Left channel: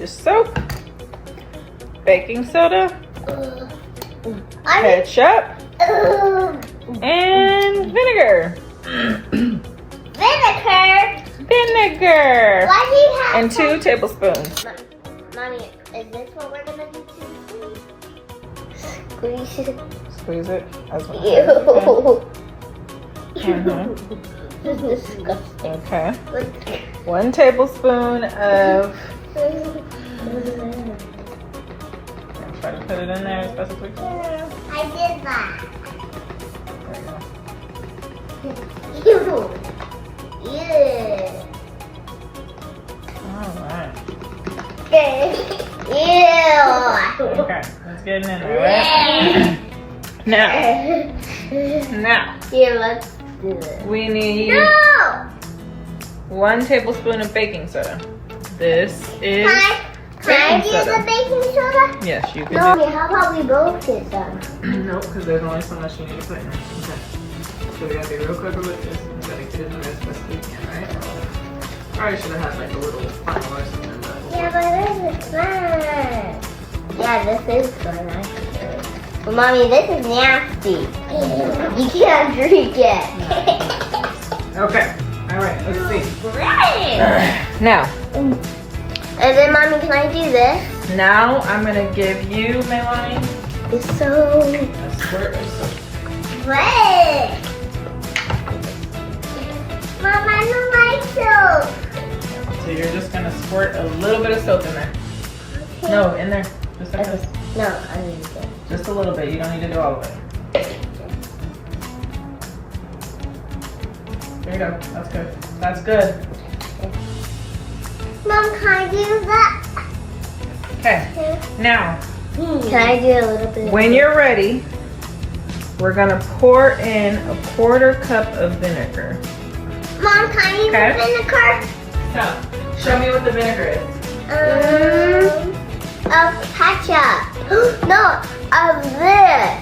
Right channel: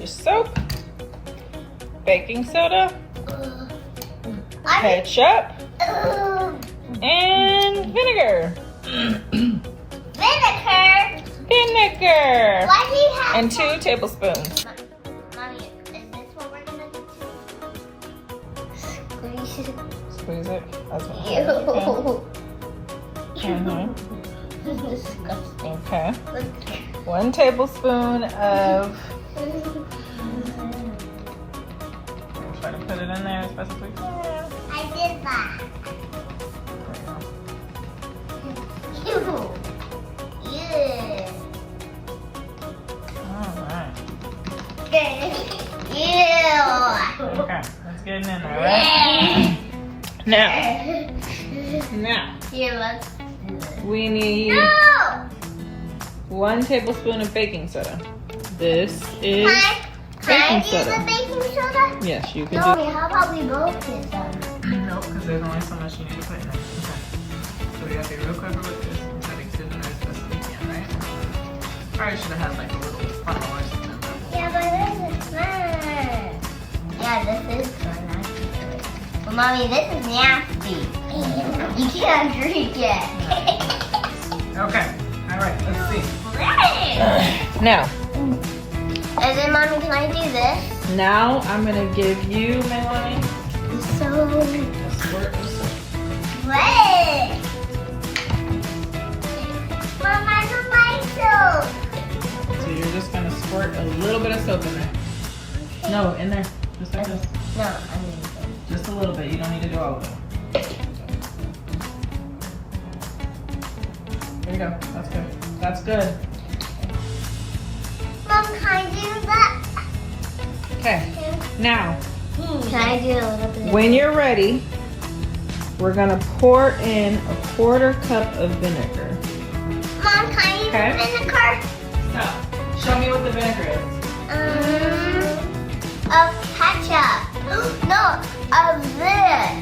your soap, baking soda, ketchup, and vinegar. Vinegar. Why do you have And 2 tablespoons. Mommy, is this what we're gonna do? Squeeze it. Squeeze it as well. Ew. This is disgusting. Okay. 1 tablespoon of. Try to put it in there as best as we can. I did that. There you go. Ew. All right. Ew. Okay, let's get it in there, right? Now, Here, let's do it. we need No! 1 tablespoon of baking soda. This is Can I do the baking soda? Yes, you can. No, how about we both get some? Nope, because there's only so much you need to put in there. Okay. So we got to be real quick with this. We got to mix it in there as best we can, right? Probably should have had like a little funnel or something. But Yeah, but this is fun. Yeah, this is fun, actually. But mommy, this is nasty. You can't drink it. okay. All right. Let's see. Great. Now. And then, mommy, can I do this? Now I'm gonna give you, Melanie. So great. Mom, I don't like soap. So you're just gonna squirt a little bit of soap in there. No, in there. Just like this. No, I need it. Just a little bit. You don't need to do all of it. There you go. That's good. That's good. Mom, can I do that? Okay. Now, Can I do a little bit? when you're ready, we're gonna pour in a 1/4 cup of vinegar. Mom, can I use Okay. the vinegar? So, show me what the vinegar is. Of ketchup. No, of this.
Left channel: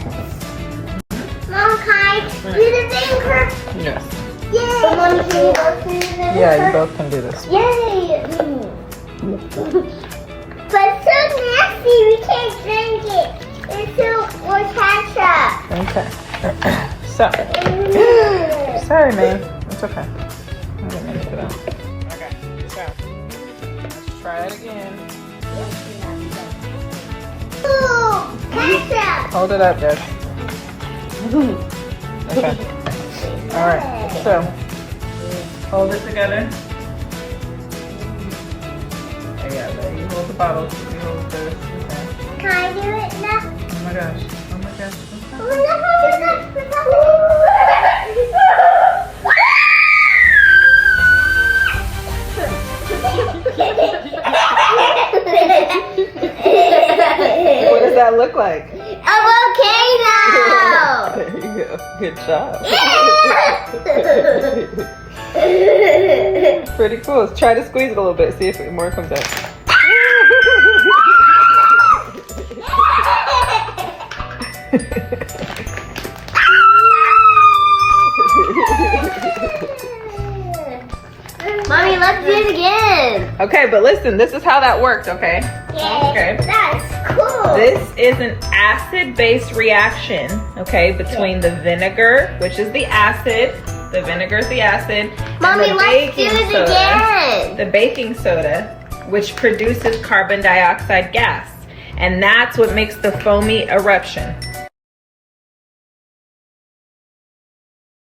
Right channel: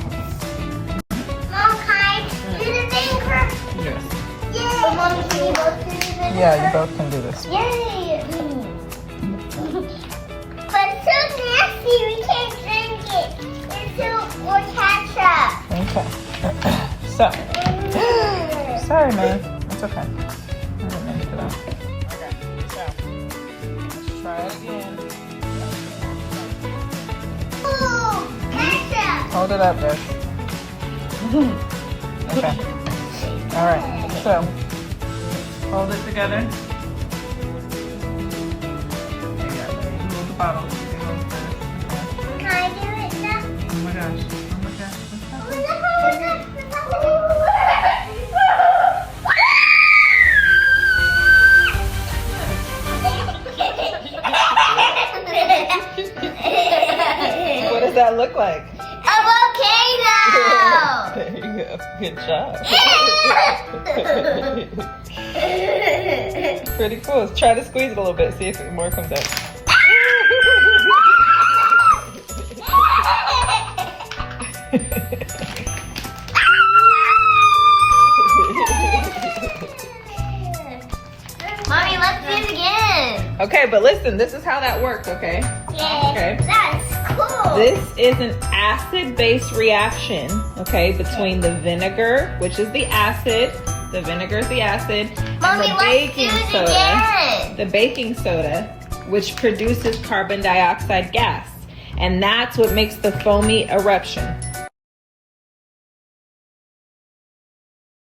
Mom, can I do the vinegar? Yes. Yay! So, Mommy, can you both do the vinegar? Yeah, you both can do this. Yay! But it's so nasty, we can't drink it. It's so much ketchup. Okay. So, sorry, May. It's okay. I didn't mean to do that. Okay. So, let's try it again. Ooh, ketchup. Hold it up, Jess. Okay. All right. So, hold it together. Yeah, but you hold the bottle. You hold the. Can I do it now? Oh my gosh. Oh my gosh. What does that look like? A volcano! There you go. Good job. Pretty cool. Try to squeeze it a little bit. See if more comes out. Mommy, let's do it again. Okay, but listen, this is how that works, okay? Yeah, Okay. that's cool. This is an acid-base reaction, okay, between the vinegar, which is the acid, the vinegar is the acid, Mommy, and the let's do baking it soda, again. the baking soda, which produces carbon dioxide gas. And that's what makes the foamy eruption.